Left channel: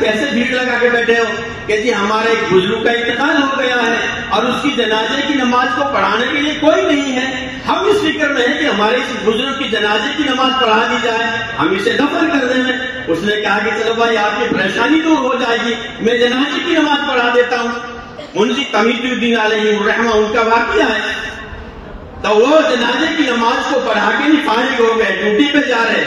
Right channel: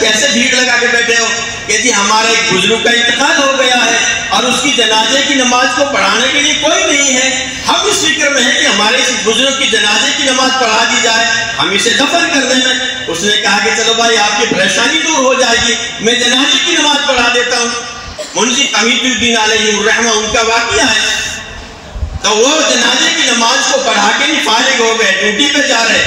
کیسے بھیڑ لگا کے بیٹھے ہو کہ جی ہمارے ایک بزرگ کا انتقال ہو گیا ہے اور اس کی جنازے کی نماز کو پڑھانے کے لیے کوئی نہیں ہے، ہم اس فکر میں ہیں کہ ہمارے اس بزرگ کی جنازے کی نماز پڑھا دی جائے، ہم اسے دفن کر دیں۔ میں اس نے کہا کہ چلو بھائی آپ کی پریشانی دور ہو جائے گی، میں جنازے کی نماز پڑھا دیتا ہوں۔ منشی تمید الدین علیہ الرحمہ ان کا واقعہ ہے، تو وہ جنازے کی نماز کو پڑھا کے نہیں فارغ ہو گئے، ڈیوٹی پہ جا رہے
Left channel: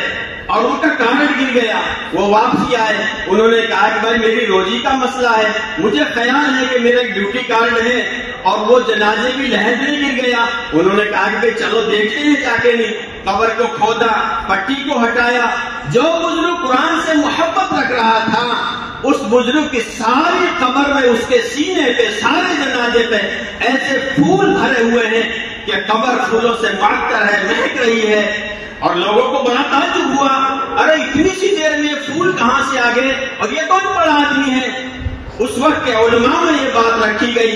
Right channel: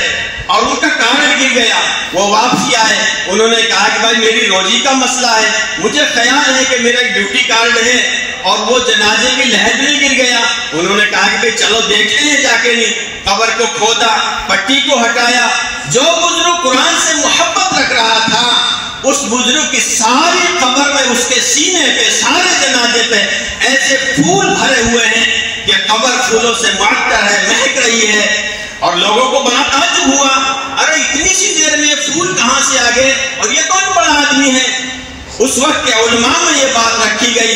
اور ان کا کارڈ گر گیا، وہ واپسی آئے، انہوں نے کہا کہ بھائی میری روزی کا مسئلہ ہے، مجھے خیال ہے کہ میرا ایک ڈیوٹی کارڈ ہے اور وہ جنازے کی لحد میں گر گیا۔ انہوں نے کہا کہ بھائی چلو دیکھتے ہیں جا کے، نہیں قبر کو کھودا، پٹی کو ہٹایا، جو بزرگ قرآن سے محبت رکھ رہا تھا اس بزرگ کی ساری قبر میں اس کے سینے پہ سارے جنازے پہ ایسے پھول بھرے ہوئے ہیں کہ قبر پھولوں سے معطر ہے، مہک رہی ہے، اور لوگوں کو بڑا تعجب ہوا، ارے اتنی سی دیر میں یہ پھول کہاں سے آ گئے اور یہ کون بڑا آدمی ہے؟ اس وقت کے علماء میں یہ بات رکھی گئی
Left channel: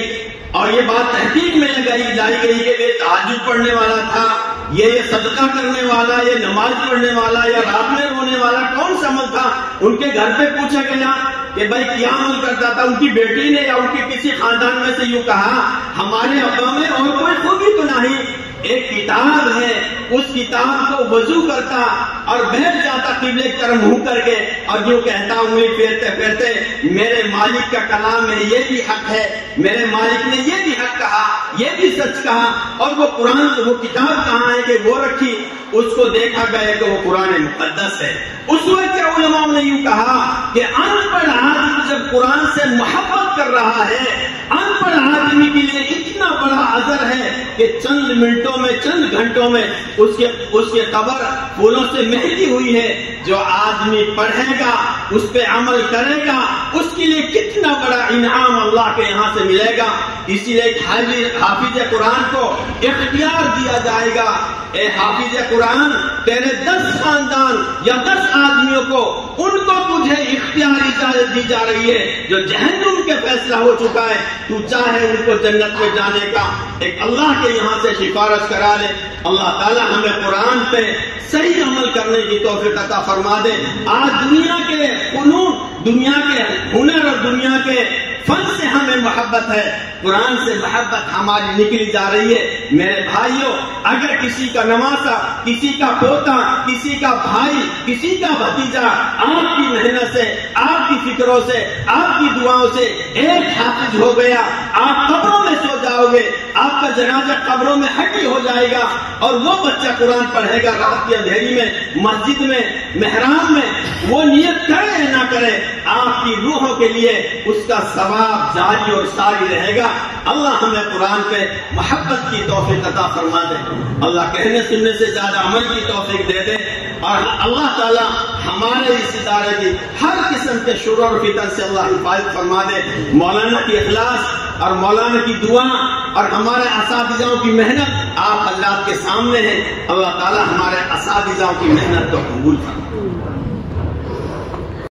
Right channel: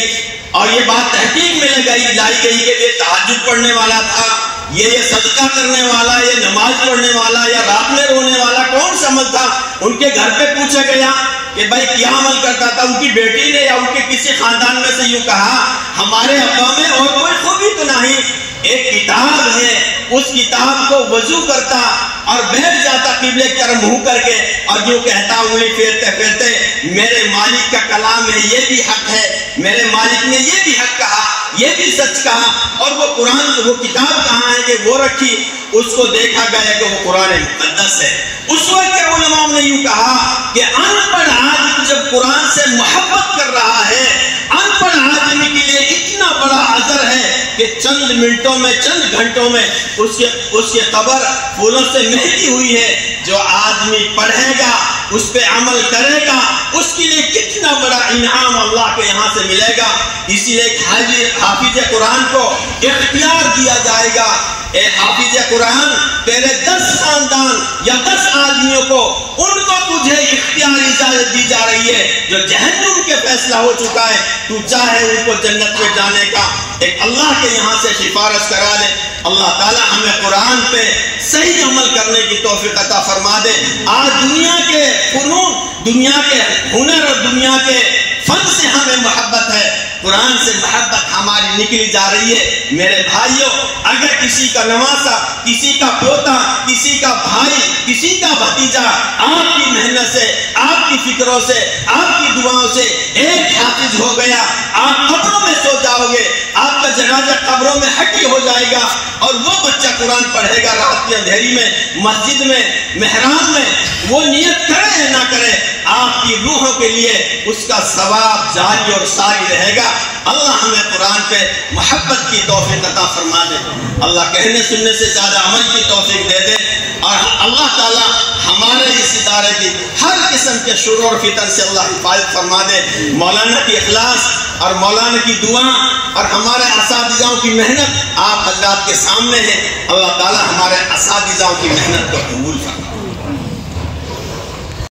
اور یہ بات تحقیق میں لائی گئی کہ یہ تہجد پڑھنے والا تھا، یہ صدقہ کرنے والا، یہ نماز پڑھنے والا یا رات میں رونے والا کون سا عمل تھا؟ ان کے گھر پہ پوچھا گیا کہ بھائی کیا عمل کرتا تھا؟ ان کی بیٹی نے یا ان کے کسی خاندان میں سے یوں کہا ہمارے ابا میں اور کوئی خوبی تو نہیں، ایک کتاب ہے، اس کتاب کو وضو کرتا اور بیٹھ جاتا قبلے کی طرف منہ کر کے اور یوں کہتا انگلی پھیرتے پھیرتے میرے مالک کا کلام ہے، یہ بھی حق ہے، میرے مالک نے یہ بھی حق کہا، یہ بھی سچ کہا، اور وہ قرآن وہ کتاب کہاں ہے کہ وہ رکھی، اس کو دیکھا گیا کہ وہ قرآن مقدس ہے۔ اس وقت کے علماء نے یوں کہا کہ ان پڑھ آدمی جب قرآن سے محبت کر رہا ہے، ان پڑھ آدمی کے لیے اتنا بڑا عذر ہے کہ چند منٹوں میں چند گھنٹوں میں اس کے قبر پھولوں سے مہکی ہوئی ہے۔ جو آدمی پڑھے گا اس پہ عمل کرے گا اس کے لیے کتنا بڑا انعام اللہ کے یہاں سے ملے گا۔ اسی لیے حافظ قرآن کو اختیار دیا جائے گا، اے حافظ قرآن تیرے 10 خاندان یا 10 آدمیوں کو ان کو تجھے اختیاری اجازت دی جا رہی ہے جو جہنم کے فیصلہ ہو چکا ہے، تو چاہے ان کو جنت میں جانے کا ایک اللہ کے یہاں سے سفارش کرا لے۔ اللہ تعالی ہمیں قرآن پہ صحیح عمل کرنے کی توفیق عطا فرما دے۔ آج دنیا کے فنون، دنیا کے ہنر اور دنیا کے فن سے ہمیں محبت ہے، قرآن سے محبت ہماری نکلی جا رہی ہے۔ میرے بھائیوں، اگر کسی کا نواسا، کسی کا پوتا، کسی کا بھائی، کسی کا بھتیجا آپ کی محنت سے، آپ کی فکروں سے، آپ کی دعاؤں سے ایک حافظ ہو گیا، آپ قبروں میں سو جاؤ گے، آپ کا جنازہ قبروں میں حقی ہو جائے گا، اور وہ بچہ قرآن پڑھے گا رات کی اندھیری میں، مسجد میں، محراب میں، وہ نیت کرے یا نہ کرے، آپ کی روحوں کے لیے اس کا ثواب جاری اور ساری رہے گا۔ اللہ ہمیں قرآن پہ محبت کی توفیق عطا فرما دے، اللہ کہنے سننے سے زیادہ عمل کی توفیق دے دے، اور اللہ تعالی ہمارے اس ادارے کی ہر قسم کے شرور اور فتن سے اللہ حفاظت فرما دے۔ مولانا کی اخلاص اور مولانا کی دعا اور ہمارے اساتذہوں کی محنت آپ حضرات کے سامنے ہے، اللہ تعالی ہمارے اساتذہوں کی محنت کو قبول فرما۔